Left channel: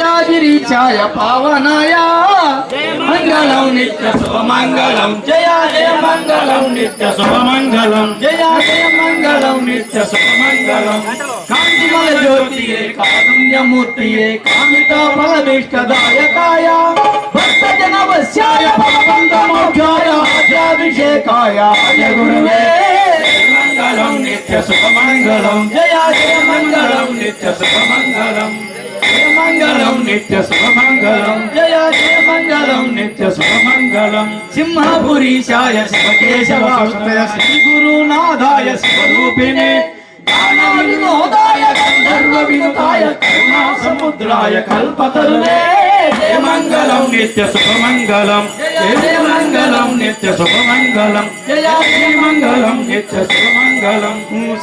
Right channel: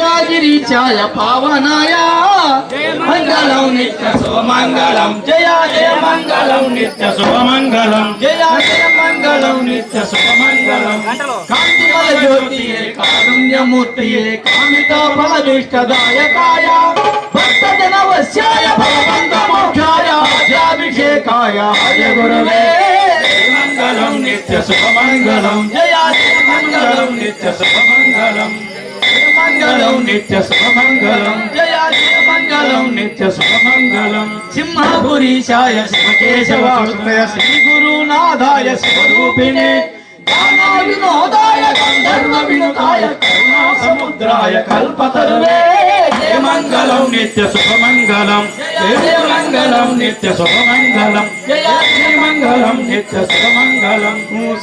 सच्चागिरीचाय पावनाय मंगलम नित्य शुभमंगलम जय जय मंगलम नित्य शुभमंगलम जय जय मंगलम नित्य शुभमंगलम कांतिमय ज्योतिये कारुण्यमूर्तिये कामिता फलभीष्टदायकाय भक्तजनवश्याय फलबन्धमोक्षाय आद्याभिषेकाय आर्य गुरुवे मंगलम नित्य शुभमंगलम जय जय मंगलम नित्य शुभमंगलम मंगलम नित्य शुभमंगलम जय जय मंगलम नित्य शुभमंगलम सिंहपुरीशाय शिवकेशवाय श्री गुरुनाथाय स्वरूपिणे ज्ञानविनोदाय गंधर्व विनुताय करुणा समुद्राय कल्पतरुवे जय मंगलम नित्य शुभमंगलम जय मंगलम नित्य शुभमंगलम जय जय मंगलम नित्य शुभमंगलम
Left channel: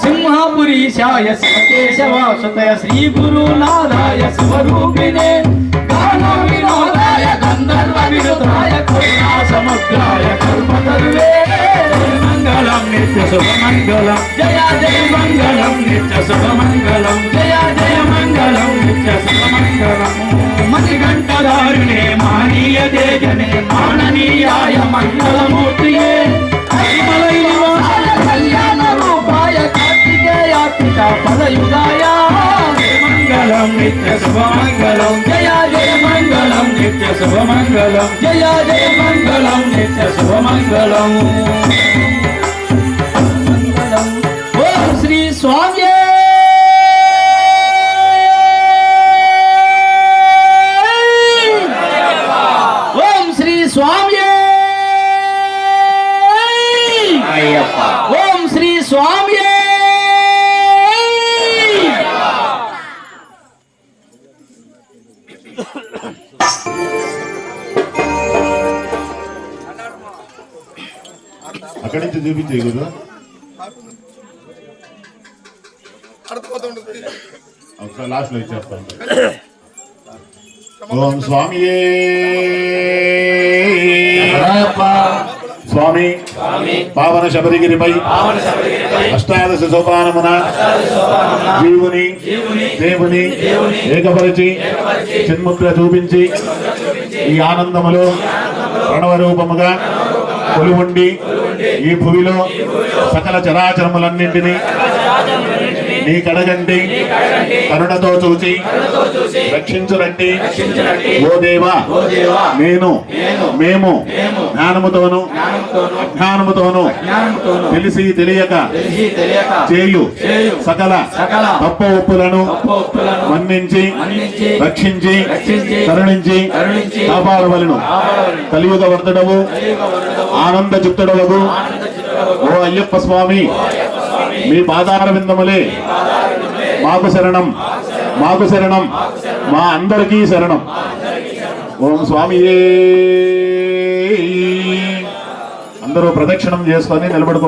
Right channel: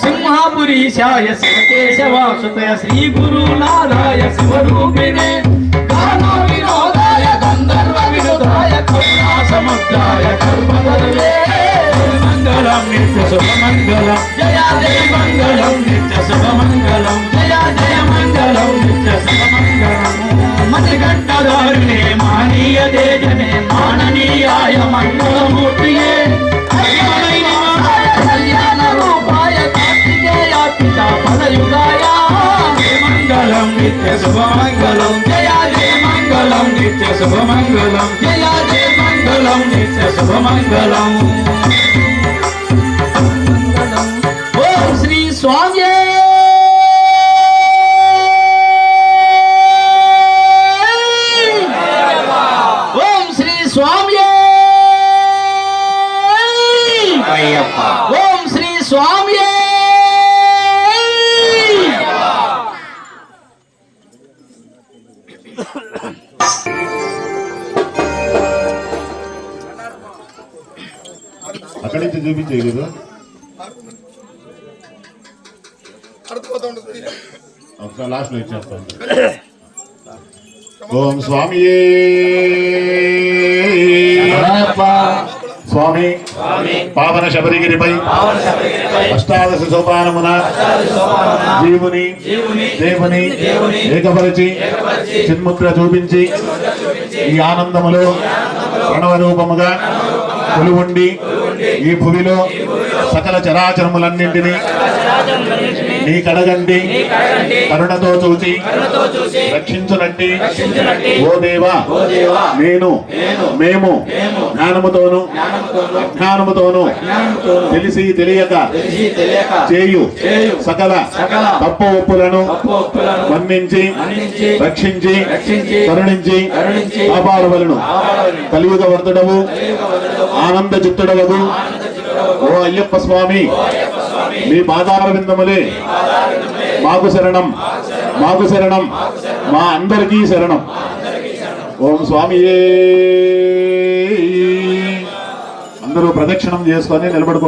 सिंहपुरीशाय शिवकेशवाय श्री गुरुनाथाय स्वरूपिणे ज्ञानविनोदाय गंधर्व विनुताय करुणा समुद्राय कल्पतरुवे मंगलम नित्य शुभमंगलम जय जय मंगलम नित्य शुभमंगलम जय जय मंगलम नित्य शुभमंगलम मणिकंठधारिणे मानीय तेजने माननीयाय मंगलमूर्तिये हरिमलै निवासाय कल्याण रूपाय कार्तिकेयात्मिका पदयुगाय मंगलम नित्य शुभमंगलम जय जय मंगलम नित्य शुभमंगलम जय जय मंगलम नित्य शुभमंगलम ओम श्री स्वामी ओम श्री स्वामी ओम श्री स्वामी అక్కడి నుంచి చూపించే గురు ఒకసారి లాస్ట్ లో ఇచ్చేస్తాను ఓం స్వామి స్వామి పావన శబరిగిరిపై అష్టాదశ సోపానమున జీవుని దేవుని ఏకపరిచి చిన్ముద్ర చూపించి ఈ ఆనందములో ప్రణవ రూపముగా కొలువుండి ఈ భూమిలో సకల చరాచరములన్నింటినీ నీ కడగండి కరుణతో చూచి రక్షించునండి ఓ దేవా నేను మేము జ్ఞానముతోను అజ్ఞానముతోను తెలిసి తెలియక చేయు సకల తప్పు ఒప్పులను మన్నించి రక్షించి కరుణించి కాపాడవలను కలియుగ వర్ధుడవు ఆనంద చిత్తుడవగు ఓ అయ్యప్ప స్వామి మీ పాదార విందములే మాకు శరణం మాకు శరణం మా అందరికీ శరణం ఓం స్వామి అందరూ ప్రదక్షిణం చేసుకొని నిలబడుకో